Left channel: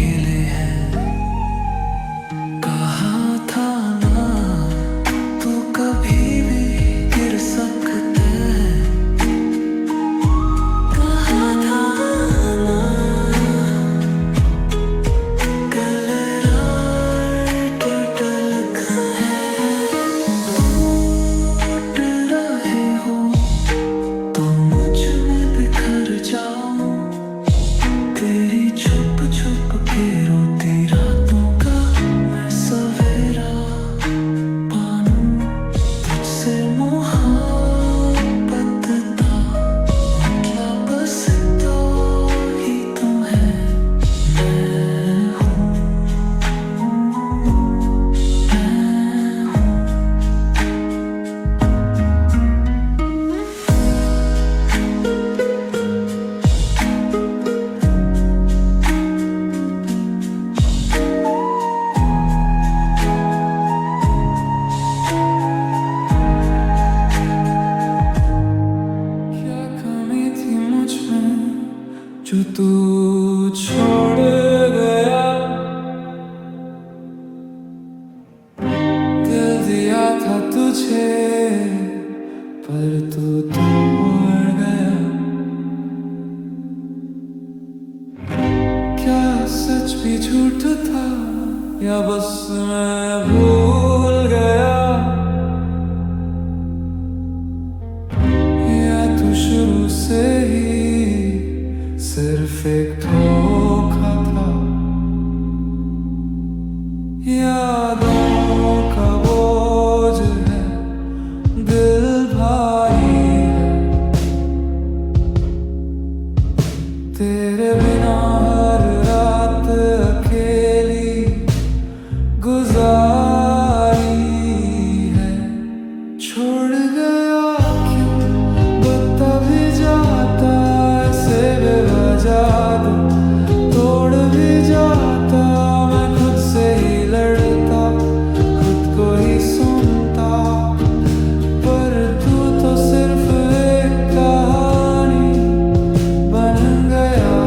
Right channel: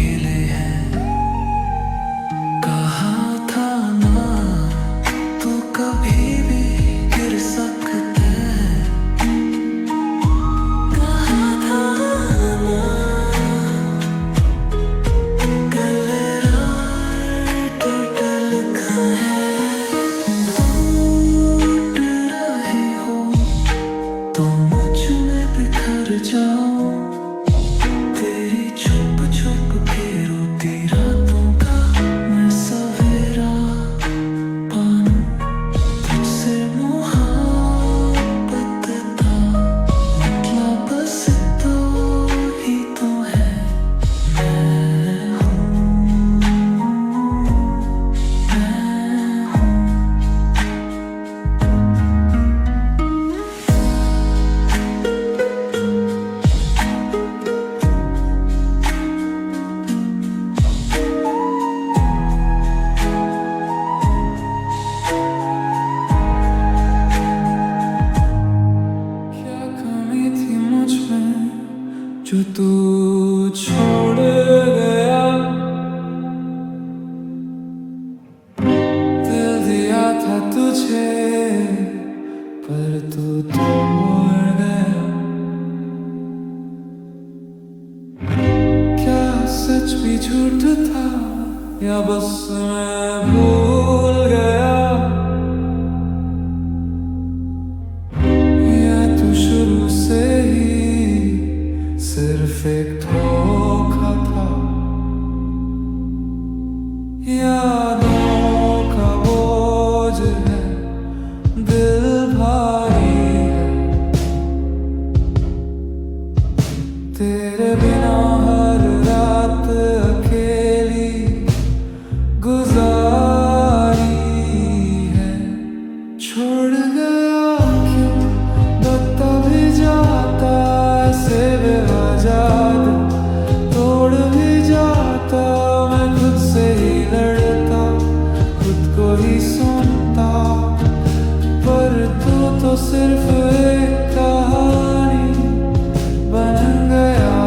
अकेले हैं। कहा था ना तू कभी भी गिर सकता है। कहा था ना कल रात टूट है। टूट रहे हो तो मुझ में बिखर जाओ। तेरी छुप छुप के रोती रातों का मैं सवेरा पानूं। तुझसे मोहब्बत था मतलब बस तो ही तो है। मैं हूँ, मैं हूँ। क्या कमी थी मुझ में जो तू छोड़ गया। दिल दिया था तुझे पर तू तोड़ गया। क्या सच भी झूठ था या बस मैं भूल गया। या तू शुरू से ही सिर्फ एक धोखा था। यादों का बोझ है दिल भारी है। तेरे बिना हर रात अकेली गुजारी है। छोड़ गया क्यों बता भी जाता ऐसे बेवजह दिल तोड़ भी जाता। मैं खुद से ही लड़ता खुद को ही सुनता। पर तू तो सिर्फ एक कहानी बन गया।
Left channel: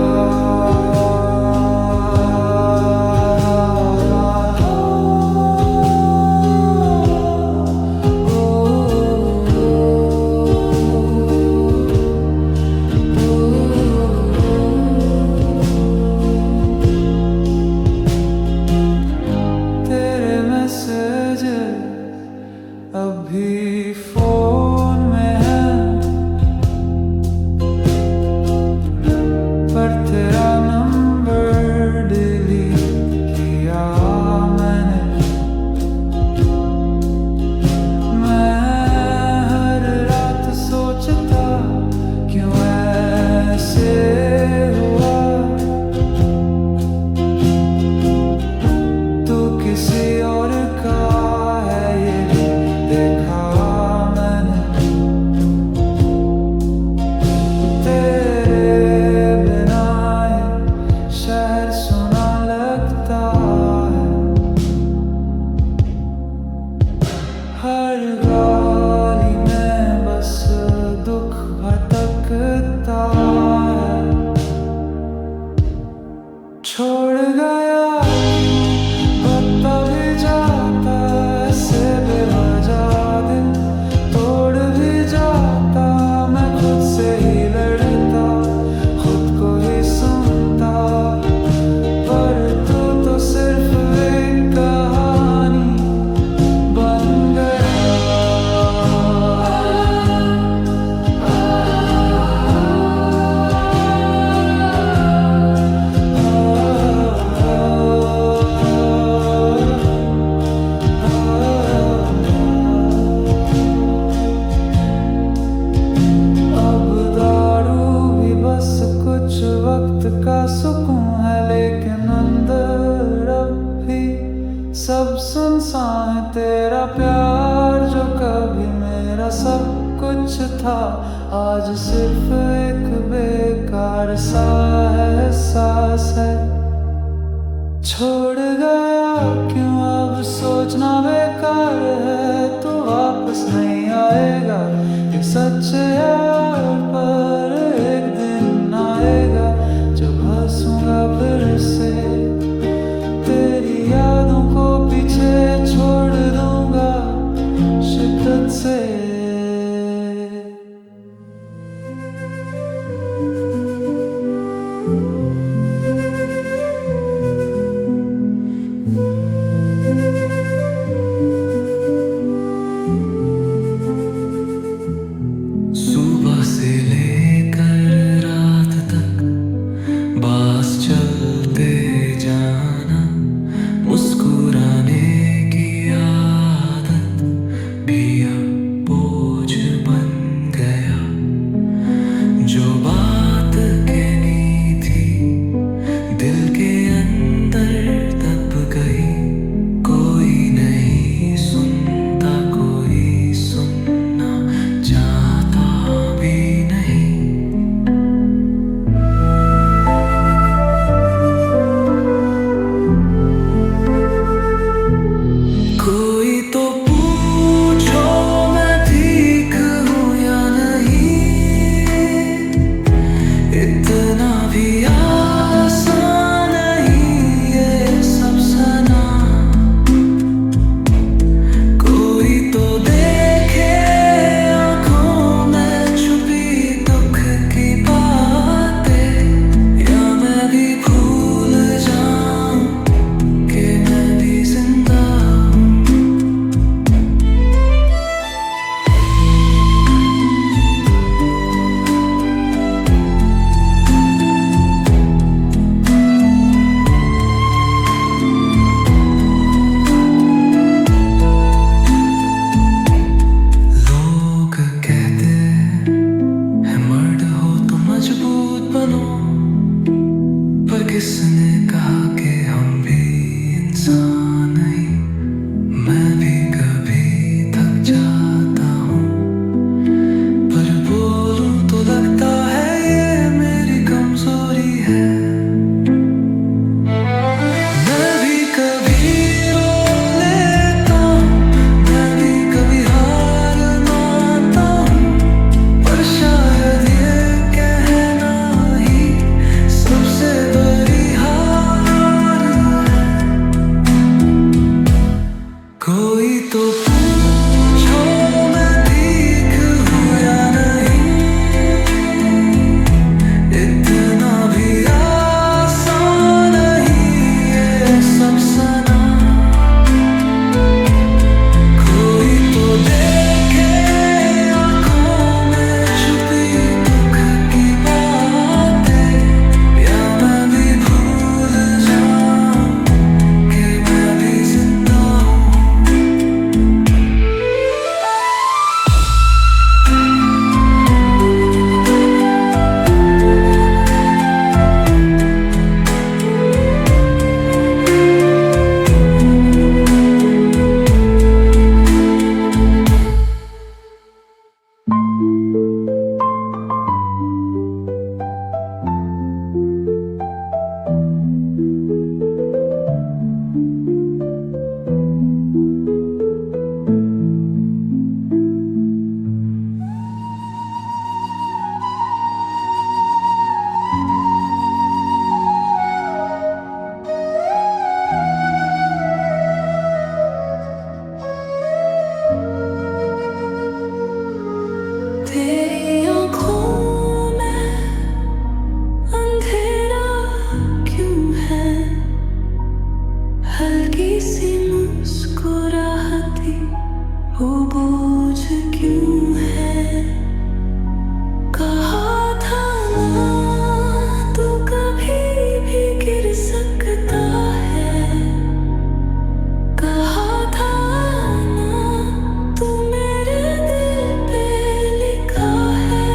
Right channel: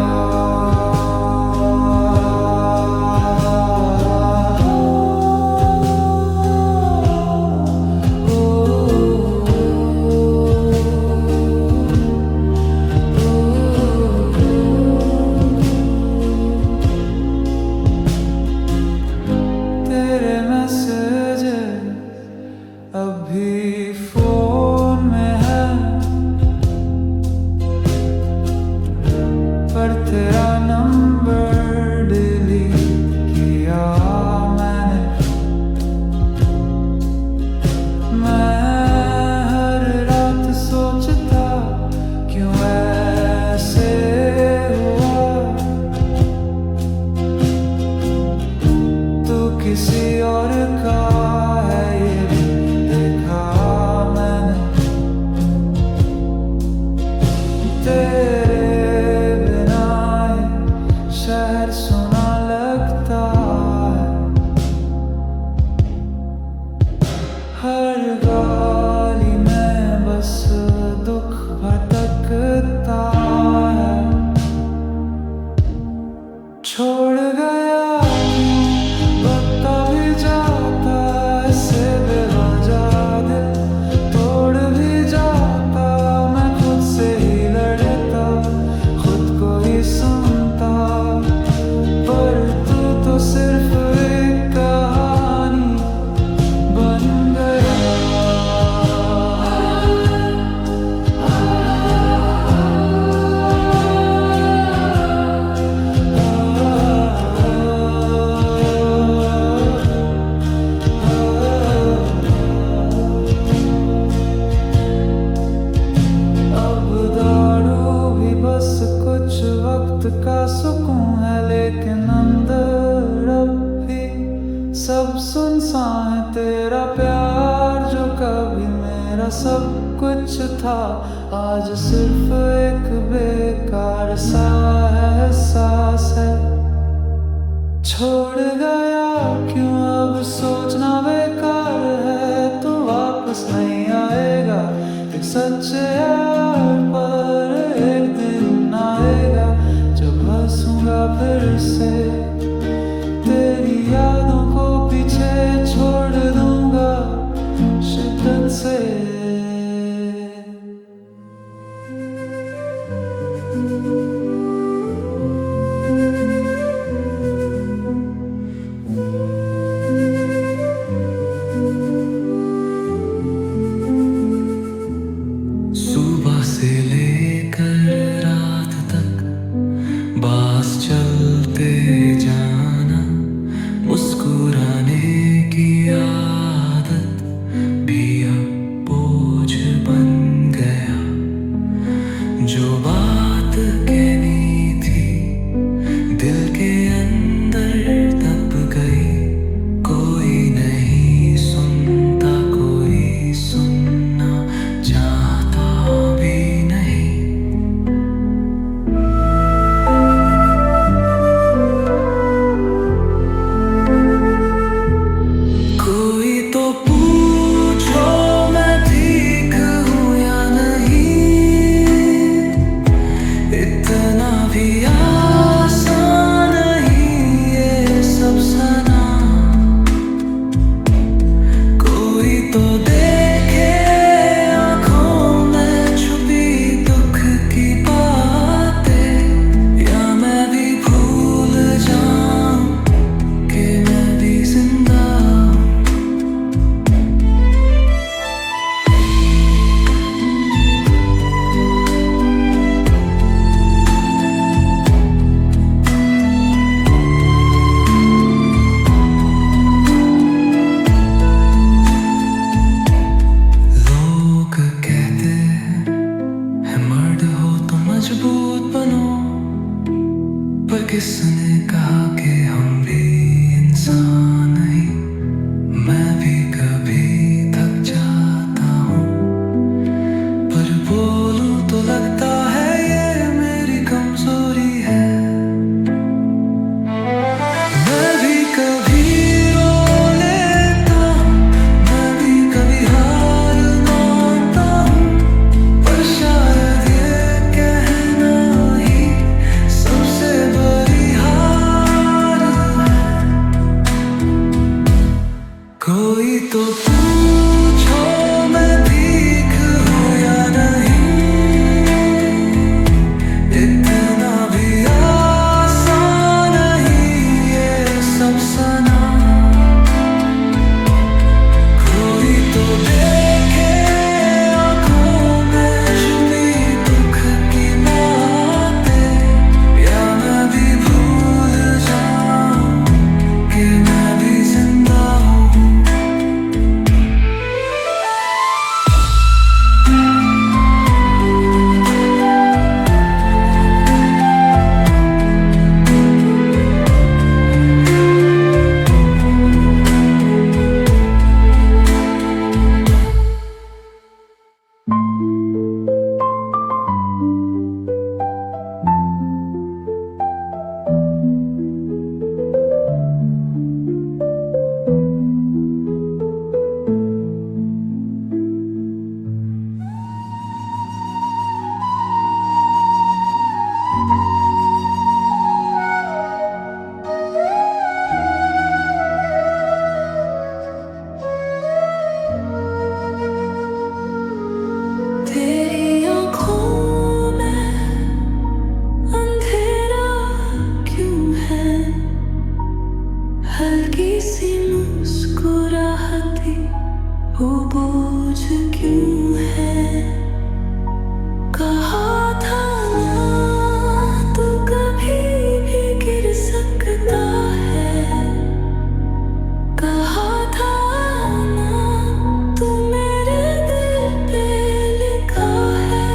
तेरे मैसेज अभी फोन में है पर तेरा नंबर डिलीट किया मैंने। मैं हर रात सोचता क्यों ऐसे हुआ। तू किसी और का है ये भी देखा मैंने। तेरे बिना ये शहर सुना लगता है। हर गली में बस दुख भटकता है। छोड़ गया क्यों बता भी जाता ऐसे बेवजह दिल तोड़ भी जाता। मैं खुद से ही लड़ता खुद को ही सुनता। पर तू तो सिर्फ एक कहानी बन गया। बस कुछ वक्त का सुकून है लेकिन अंदर अब भी सब सुनसान है। तेरा प्यार जो कभी मेरा सब कुछ था आज सिर्फ एक बेकार सा एहसास है। छोड़ गया क्यों अब सोचना बेकार है। तू वापस नहीं आएगा ये सच है पर एक दिन आएगा जब बसूंगा फिर से, तेरी यादों को पीछे छोड़ दूंगा शिद्दत से। सुबह से लेकर रात तक बास चलते जाना, मुस्कुराने की आदत भी अब बोझ बन गया। जो बात कहनी थी दिल के अंदर दब गई, कोई नहीं सुनता, कोई सुनना चाहता भी नहीं। कोई तो पूछो मैं ठीक हूँ या नहीं, इतना भी आसान नहीं ये सब सना। कोई तो देखे आंखों में छुपी दुख की बातें, या मैं भी भूल जाऊं कि मैं भी जिंदा हूं। लोग कहते हैं मर्द हो तो मजबूत बनो, पर किसने कहा कि हम भी इंसान नहीं। मैं भी कभी थक जाता हूँ, पर बोलूं तो लगता है ये मेरी कमजोरी है। मैं भी कभी रो लेता हूँ, मैं भी कभी हार मानता हूँ, पर शायद ये कहना ही सबसे बड़ी हार है। कोई तो पूछो मैं ठीक हूँ या नहीं, इतना भी आसान नहीं ये सब सना। कोई तो देखे आंखों में छुपी दुख की बातें, या मैं भी भूल जाऊं कि मैं भी जिंदा हूँ। तेरी आँखों में अंधेरा क्यों है, हल्की सी मुस्कुराहटी वो बोझ क्यों है। कहा था ना तू कभी भी गिर सकता है, कहा था ना तू मेरे दिल पे लिखा है।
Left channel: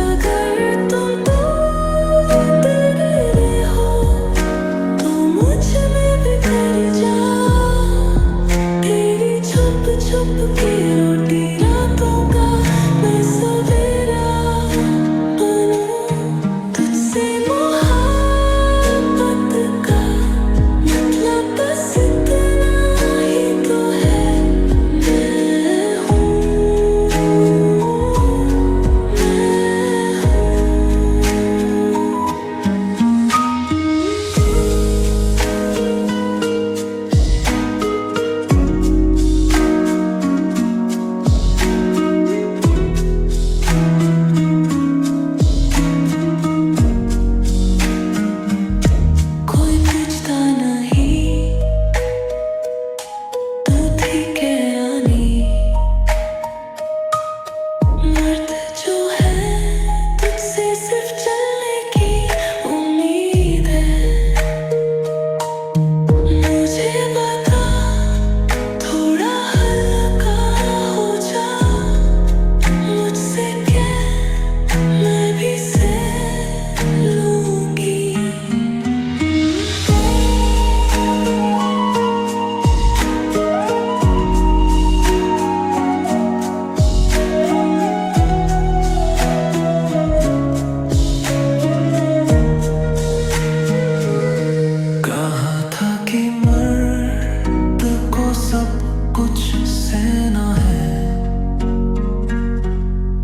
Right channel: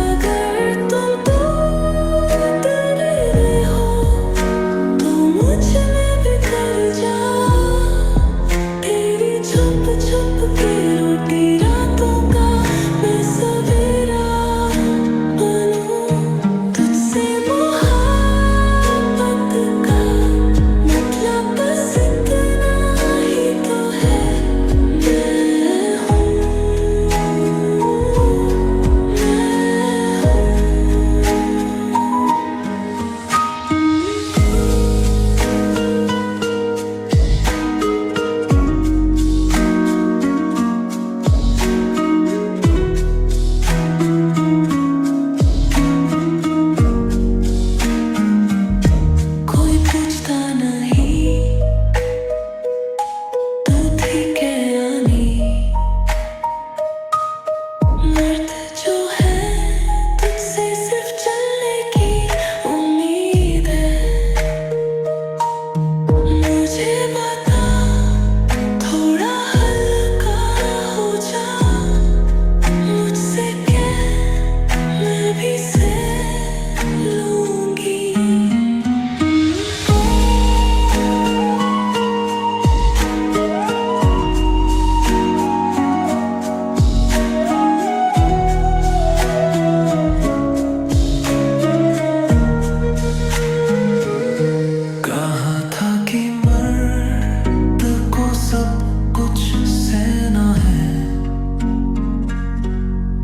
अगर तुम टूट रहे हो तो मुझ में बिखर जा, तेरी छुप छुप के रोटी रातों का मैं सवेरा बनूं। तुझसे मोहब्बत का मतलब बस इतना ही तो थी के आनी, मर्द जो है तुझसे सिर्फ चलने की उम्मीद है। मुझे बता थोड़ा हल्का हो जा, मुझसे कह मैं भी सह लूंगी। कहा था कि मर्द को सब कुछ सहना है,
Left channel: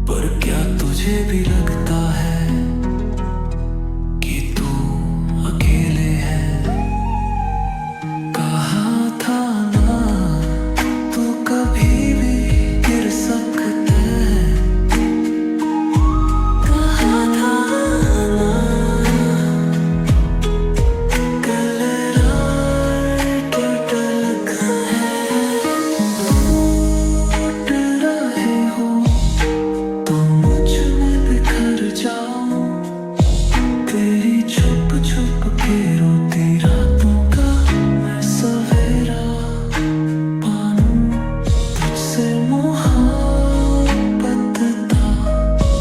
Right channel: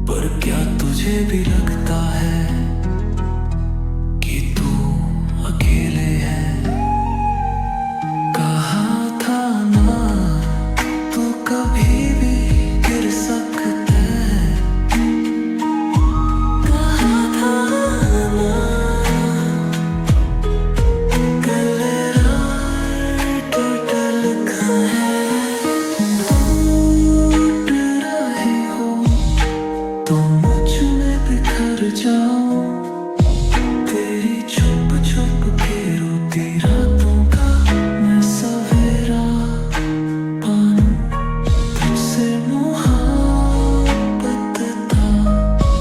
पर क्या तुझे भी लगता है कि तू अकेले है? कहा था ना तू कभी भी गिर सकता है, कहा था ना तेरी छुप छुप के रोती रातों का मैं सवेरा पानू, तुझसे मोहब्बत था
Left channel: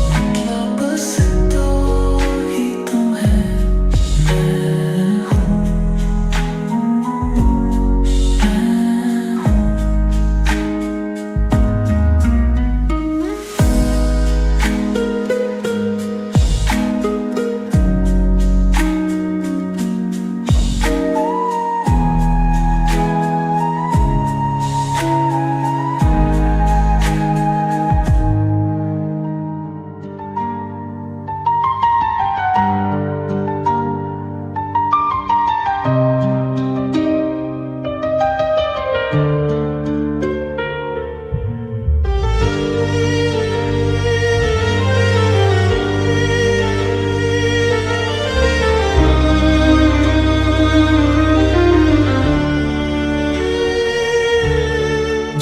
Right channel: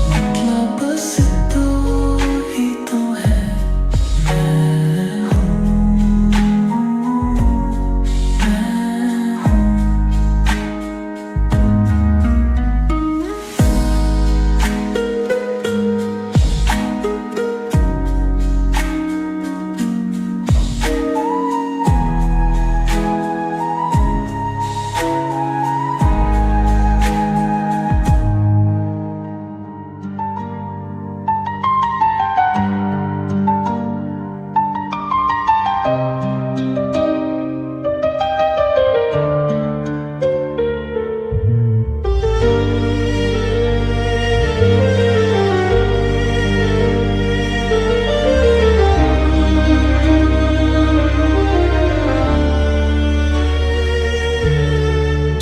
मतलब बस तू ही तो है। मैं हूँ, मैं हूँ।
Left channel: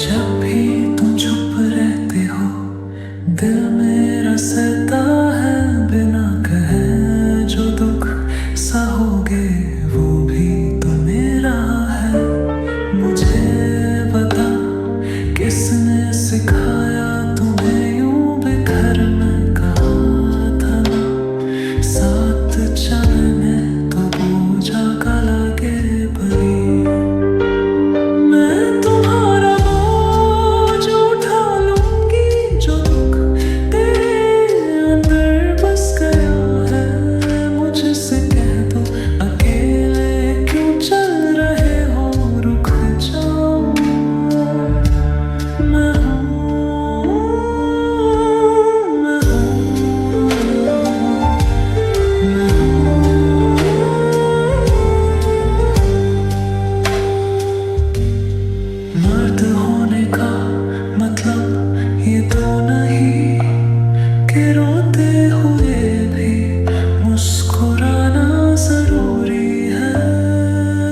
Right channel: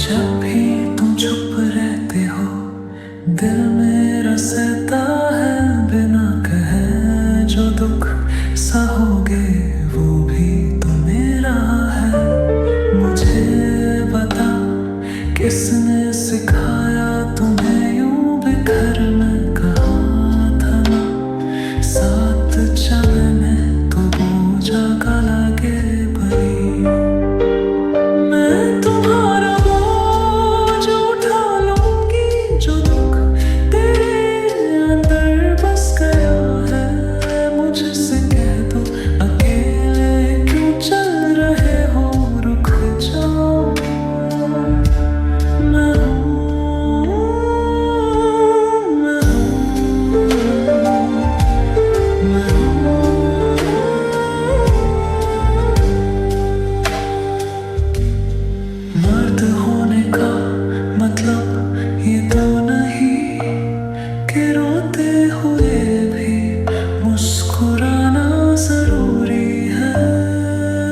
जब भी तुम चुप रहते हो दिल मेरा सहता है बिना कहे, जो दुख सहोगे वो भी तो मेरा है। मुझे बता किसने सिखाया तुम्हें यूं बिखर, मैं कहा था ना साथ चलने तो बोझा का लगे भरी। मैं तुम्हारा बोझ उठा लूंगी, जो दुख तेरे अंदर बस गया है। मुझसे कह दो अकेले क्यों चल रहे हो, रुक जाओ। मैं हूँ, मैं हूँ, मैं हूँ। मर्द होने का मतलब ये तो नहीं कि रोते हुए भी मुस्कुराना जरूरी है।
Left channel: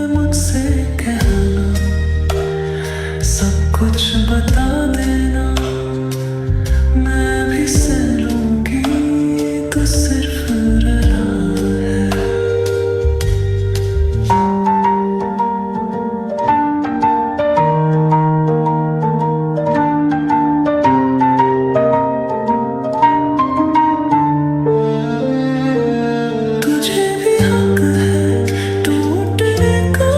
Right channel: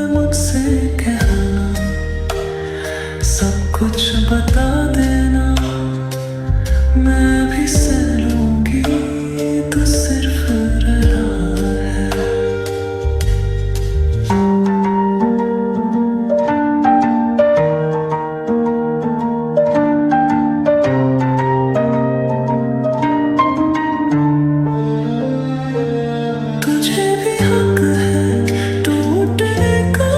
मुझसे कहना सब कुछ बता देना, मैं भी सह लूंगी तो सिर्फ रहा है। तुझे भी हक है टूटने का,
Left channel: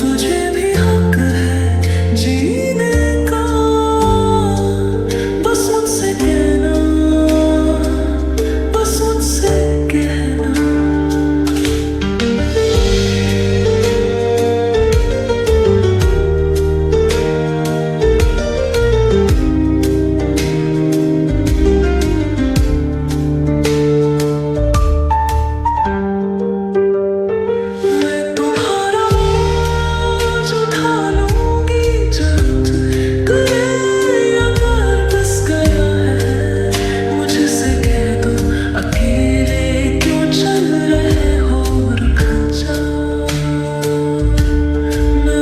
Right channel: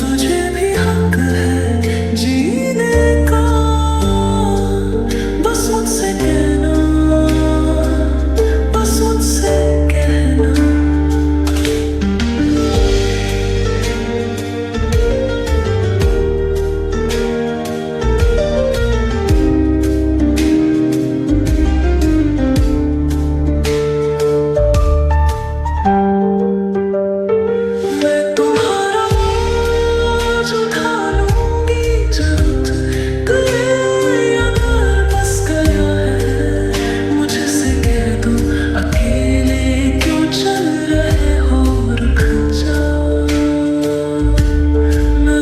तुझे भी हक है जीने का। बस मुझसे कहना, बस मुझसे कहना। उठा लूंगी जब गए अगर बस गया है। मुझसे कह दो अकेले क्यों चल रहे हो, रुक जाओ। मैं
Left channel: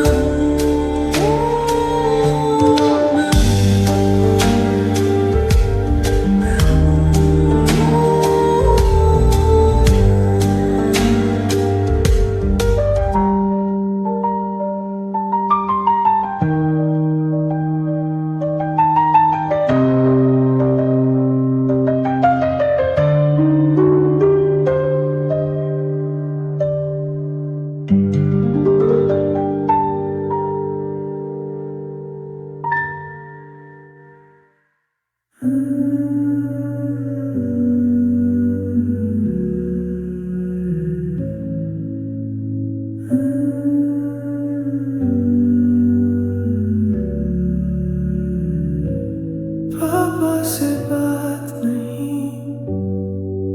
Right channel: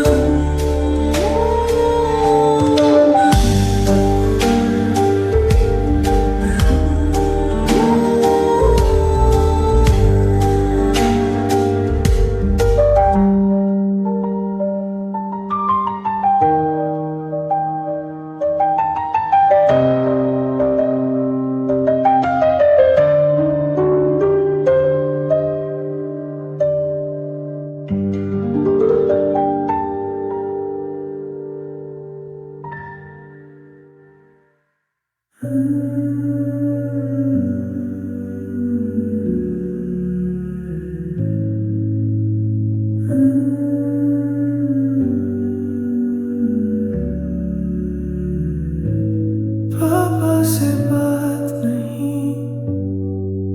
से बात नहीं,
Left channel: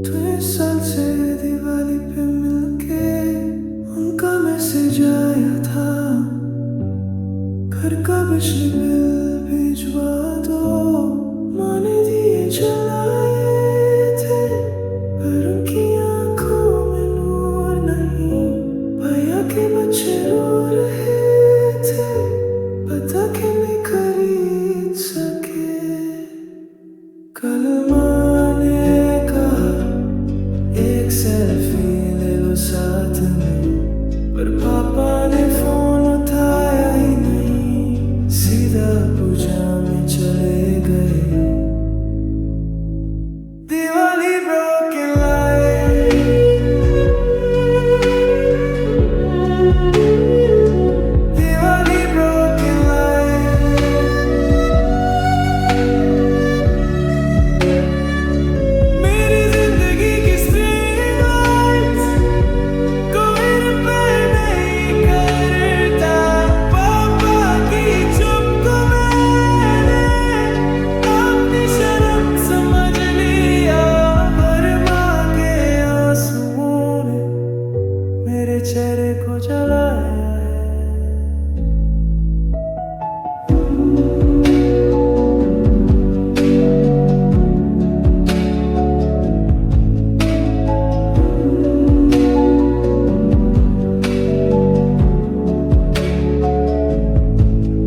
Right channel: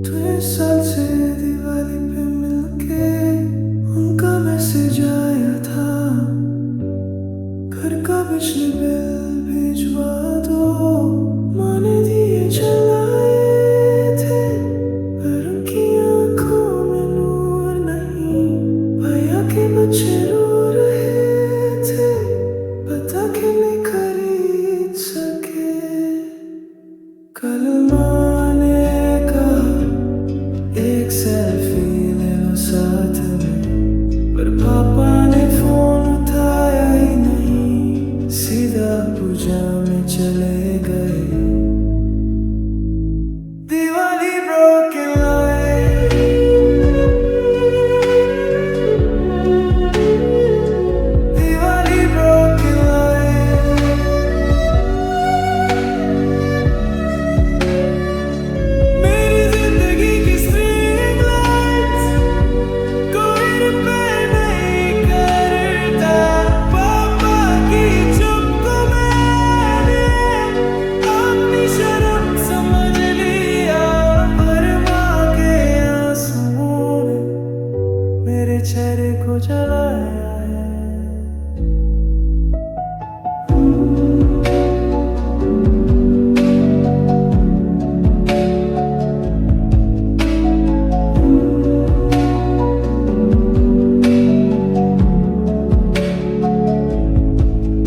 तो इस साल से दिवाली पे मिलके उनका मैसेज आया था, घर का बिजली बिल भिजवा दो। माँ ने दिए जलाए थे, पर उनकी आंखों में नूर नहीं। भैया के बच्चे रो रहे थे, पता कि नहीं खरीद सके। कल माँ ने कहा एक सेल्फी ले लो साथ में, पर पापा ने फोन उठाया ही नहीं, सीधा पूजा में चले गए। Diwali broken light, Diwali broken light, मेरी जिंदगी की string lights कोई रिपेयर नहीं करता। पापा की चुप को मैंने अपनी शर्म समझ लिया, पर माँ के आंसुओं ने मेरे चेहरे को जलाया है।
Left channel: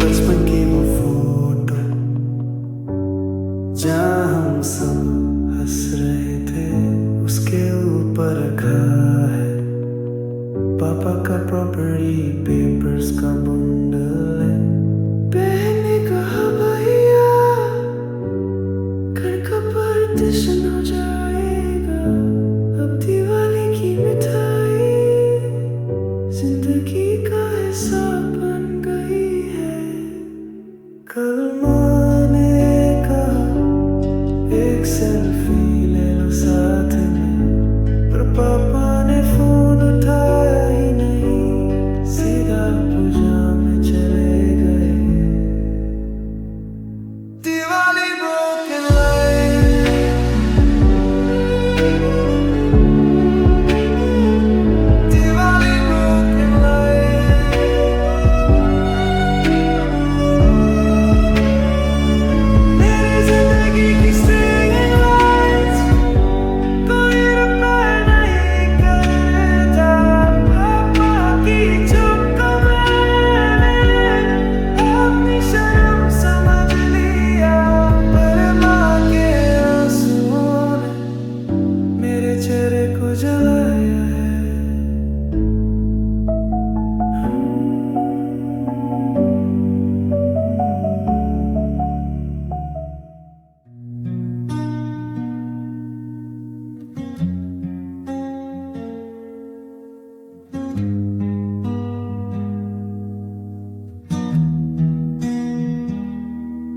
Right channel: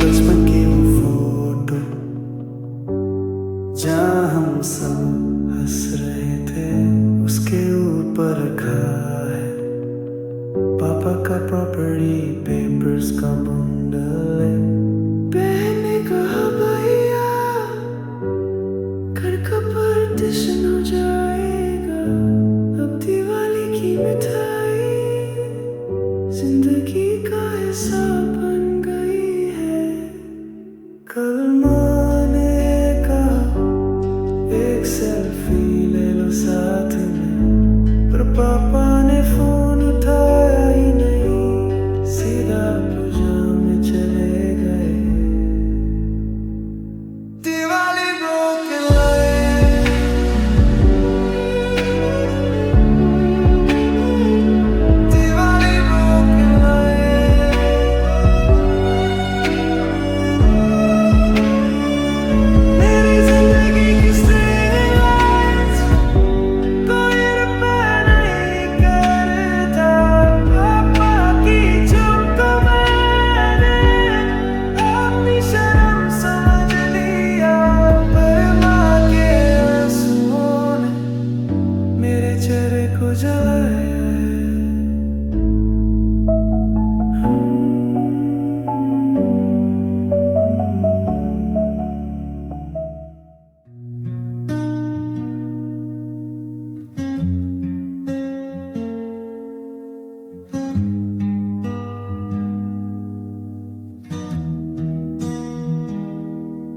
बचपन की वो फोटो जहाँ हम सब हंस रहे थे, उसके ऊपर रखा है पापा का प्रॉपर्टी पेपर्स का बंडल है। बहन ने कहा भैया घर का पार्टीशन हो जाएगा, अब दिवाली की मिठाई जिंदगी का हिस्सा बन गई है। कल माँ ने कहा एक सेल्फी ले लो साथ में, पर पापा ने फोन उठाया ही नहीं, सीधा पूजा में चले गए। Diwali broken light, Diwali broken light, मेरी जिंदगी की string lights कोई रिपेयर नहीं करता। पापा की चुप को मैंने अपनी शर्म समझ लिया, पर माँ के आंसुओं ने मेरे चेहरे को जलाया है।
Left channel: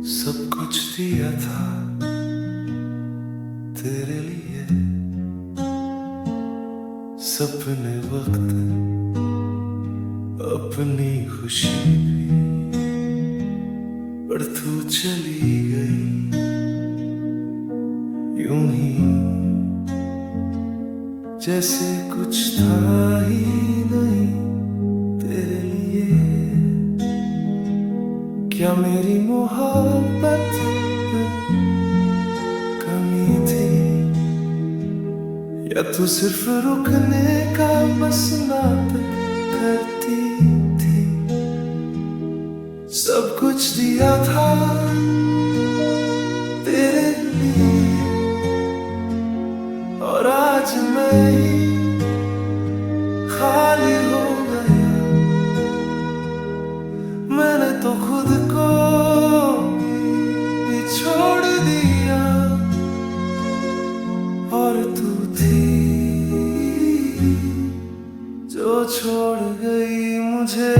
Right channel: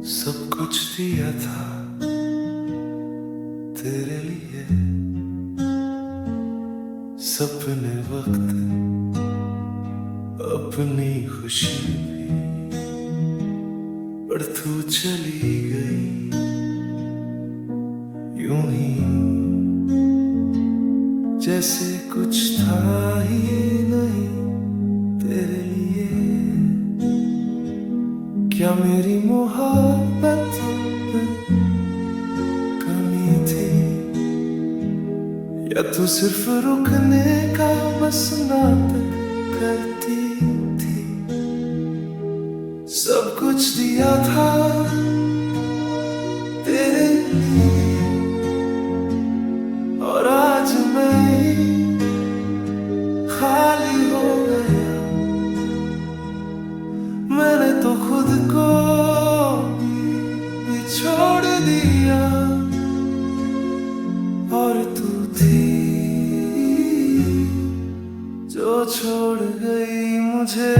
सब कुछ दिया था तेरे लिए, सपने वक्त अपनी खुशी भी, पर तू चली गई यूं ही जैसे कुछ था ही नहीं तेरे लिए। क्या मेरी मोहब्बत में कमी थी, या तू सिर्फ रुकने का बस नाटक करती थी? सब कुछ दिया था तेरे लिए, और आज मैं ही खाली हो गया। मैंने तो खुद को भी छोड़ दिया, और तू थी जो छोड़ गई मुझे।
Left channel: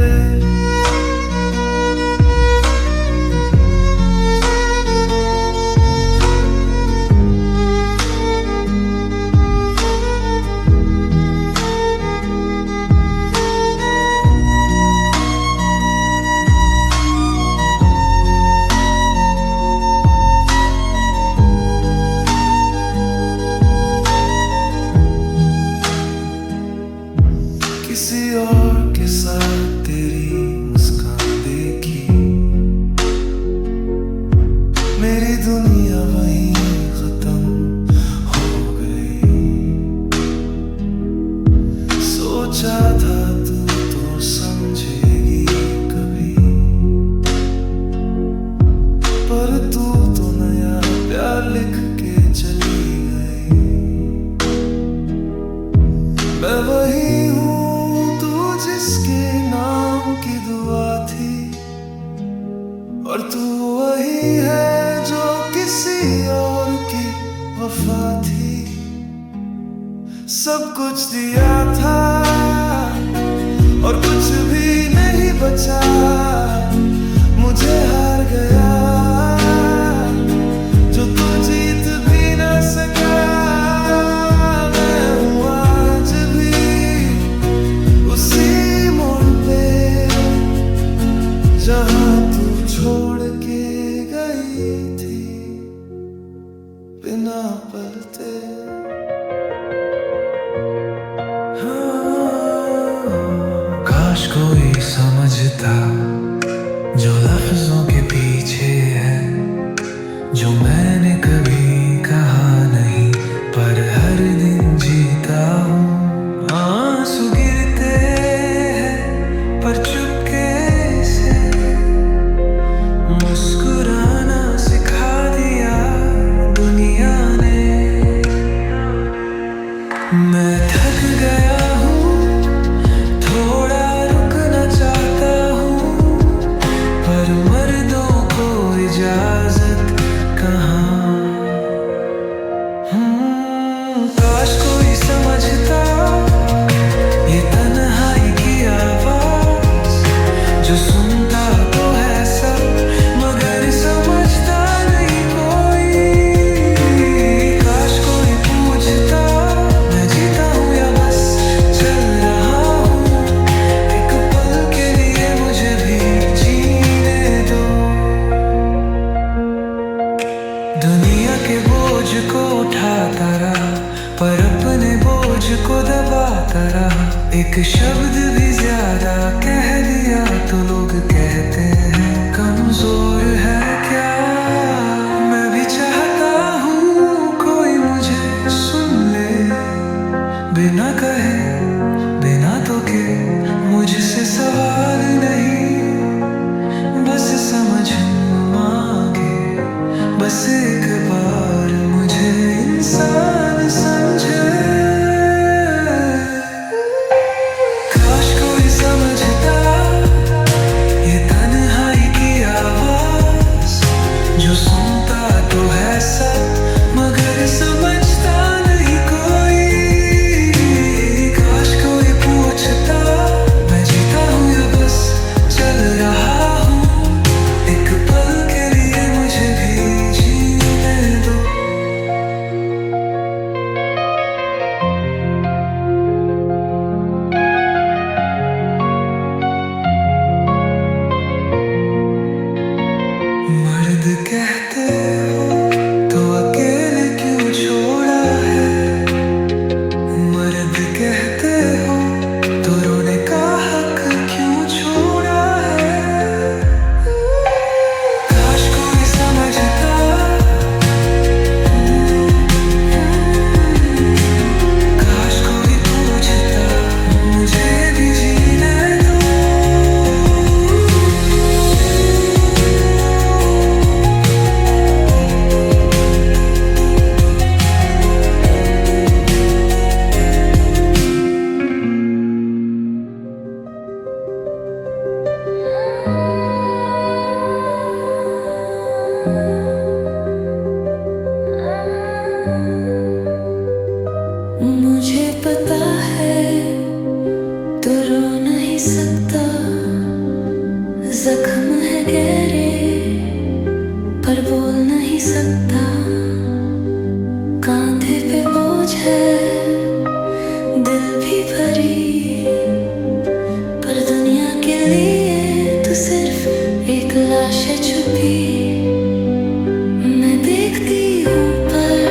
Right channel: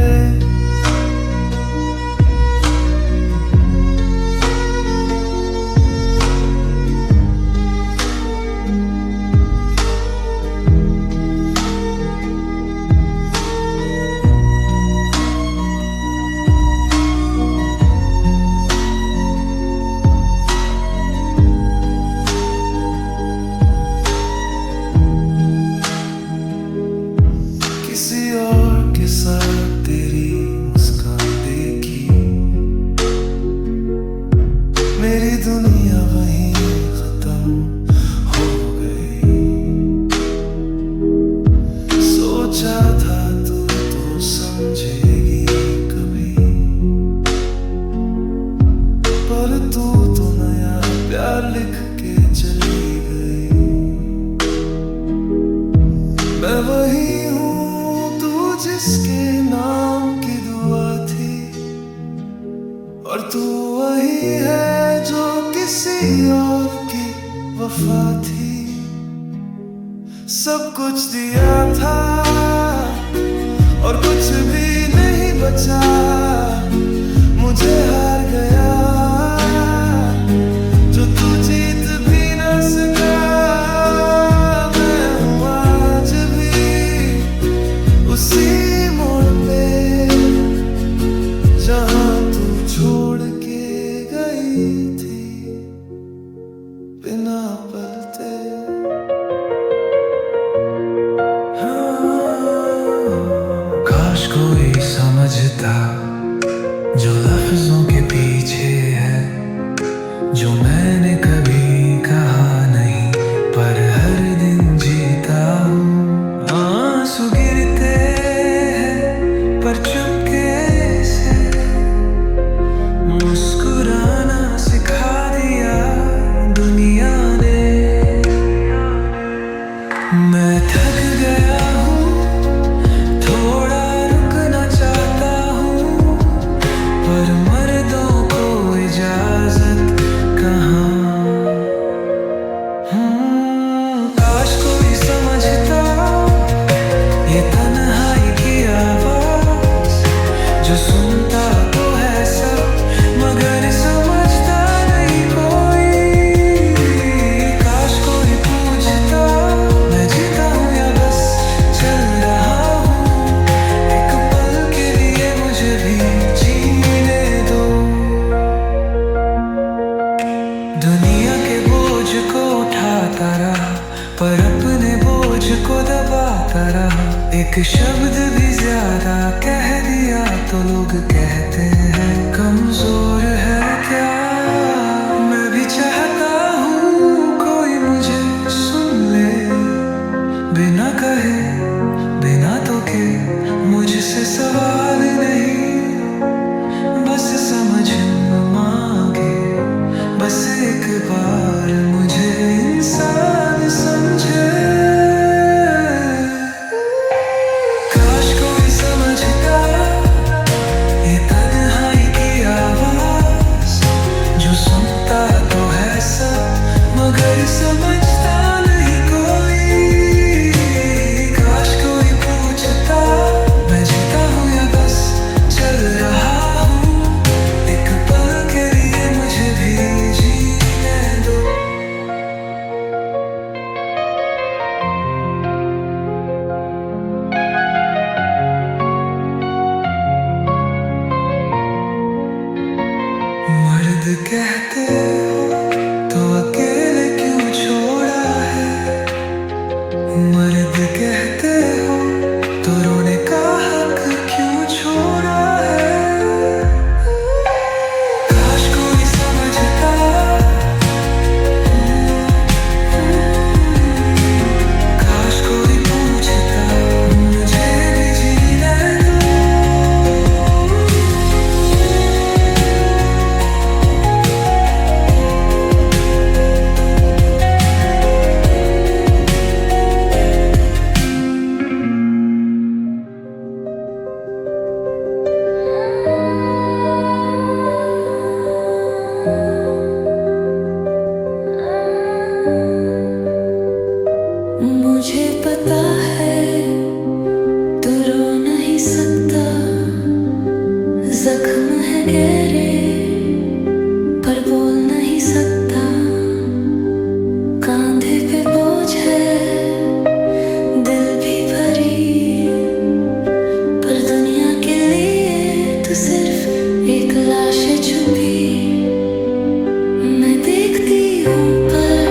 और तू वही है जो किसी और की वफा थी। सब कुछ दिया था और कुछ भी नहीं बचा, मुझे हार गया जो तू जीत भी न सका। मैं हूँ आज भी उसी मोड़ पे जहाँ तू छोड़ के गई थी बिना पलटे। काश कोई समझता जो लफ्जों के पीछे है, जो मैंने कभी कहा नहीं पर हर दिन जीता हूँ। आंसू गिरते हैं पर चुपके से मुस्कुराना सिखा दिया दुनिया ने। मैं थक गया हूँ, थोड़ा रुकना चाहता हूँ, पर मर्दों को इजाजत कहाँ। काश कोई समझता ये तन्हाई की आवाज, जो सुनता तो है सब मगर समझता नहीं कोई। काश कोई पूछता मैं जीता हूँ या बस चल रहा हूँ, एक पल के लिए मुझे भी जीने दो। दुनिया के बोझ को उठाता रहा पर अपने बोझ को दबाता रहा। एक शब्द भी ज्यादा कह दिया तो लोग कहते हैं कमजोर है क्या। मैं भी चाहता हूँ कोई मुझे सुन ले, बिना कहे बिना टोके, मुझसे सवाल नहीं बस समझ मांगे, बस एक बार मुझे इंसान समझे। काश कोई समझता ये तन्हाई की आवाज, जो सुनता तो है सब मगर समझता नहीं कोई। काश कोई पूछता मैं जीता हूँ या बस चल रहा हूँ, एक पल के लिए मुझे भी जीने दो। मर्द कहते हो तो अकेले क्यों छोड़ा है, मर्द कहते हो तो रोने का हक क्यों छोड़ा है। काश कोई समझता, काश कोई पूछता मुझे भी जीने दो। मुझे पता है तू रो नहीं सकता, जख्म है गहरे पर बोल नहीं सकता। कांधे पे बोझ है दिल भी भरी, पर दुनिया के लिए तू सिर्फ एक लाश है छुपी। मैं देखती हूँ पर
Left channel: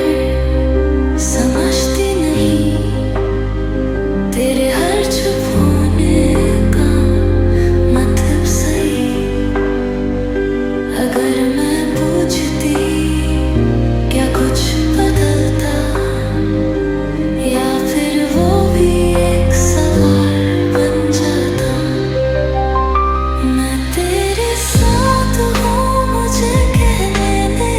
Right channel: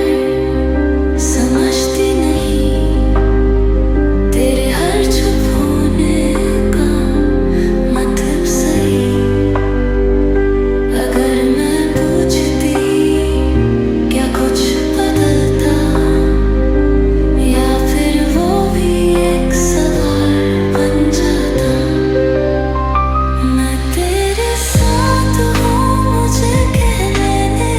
समझती नहीं तेरे हर चुप होने का मतलब सही। अगर मैं पूछती क्या कुछ बदलता, या फिर वो भी एक सवाल बन जाता। मैं तेरे साथ हूँ मुझे कहने दे,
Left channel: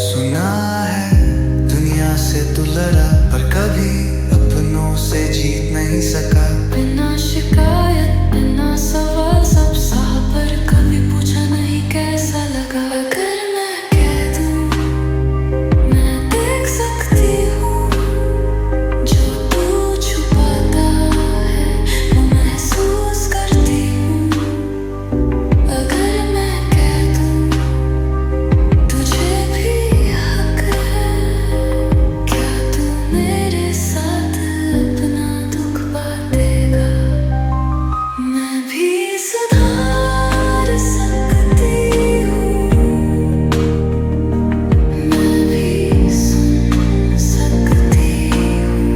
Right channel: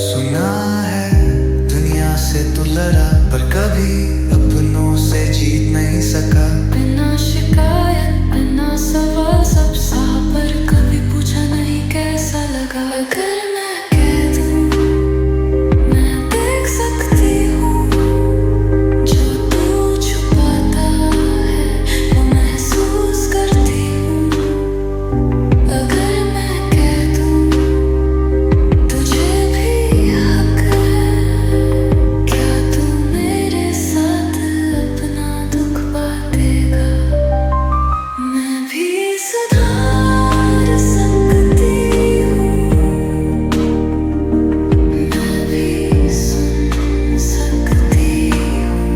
सुना है दुनिया से तू लड़ा, पर कभी अपनों से जीत नहीं सका। बिना शिकायत बिना सवाल सब सहा, पर कभी पूछा नहीं कैसा लगा। अगर मैं कह दूं मैं देख सकती हूँ, जो तू छुपाता है वो महसूस करती हूँ। अगर मैं कह दूं तुझे भी हक है, क्या तू मेरे साथ अपना दुख बांटेगा? मैं भी सुधार सकती हूँ, मैं भी सुन सकती हूँ।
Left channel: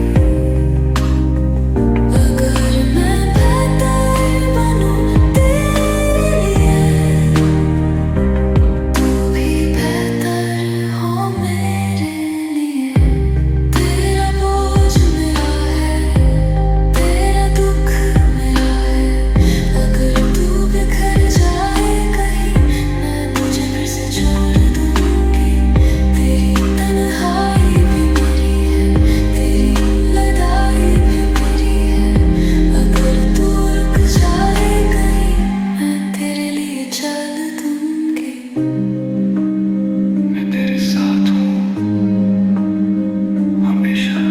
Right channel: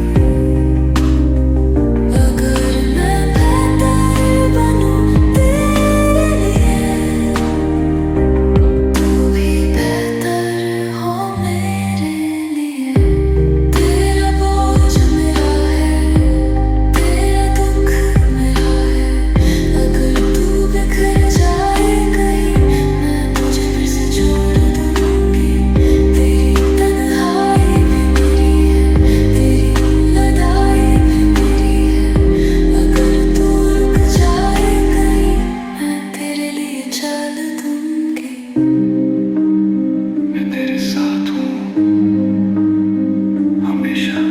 अगर मैं बेहतर बनूं तेरे लिए, तू भी बेहतर हो मेरे लिए। तेरा बोझ मेरा है, तेरा दुख मेरा है। अगर तू बिखर जाए कहीं, मैं तुझे फिर से जोड़ दूंगी। तेरी तन्हाई भी मेरी है, तेरी लड़ाई भी मेरी है। अगर तू रुक जाए कहीं, मैं तेरे लिए चल दूंगी। मैं तेरे साथ हूँ हमेशा।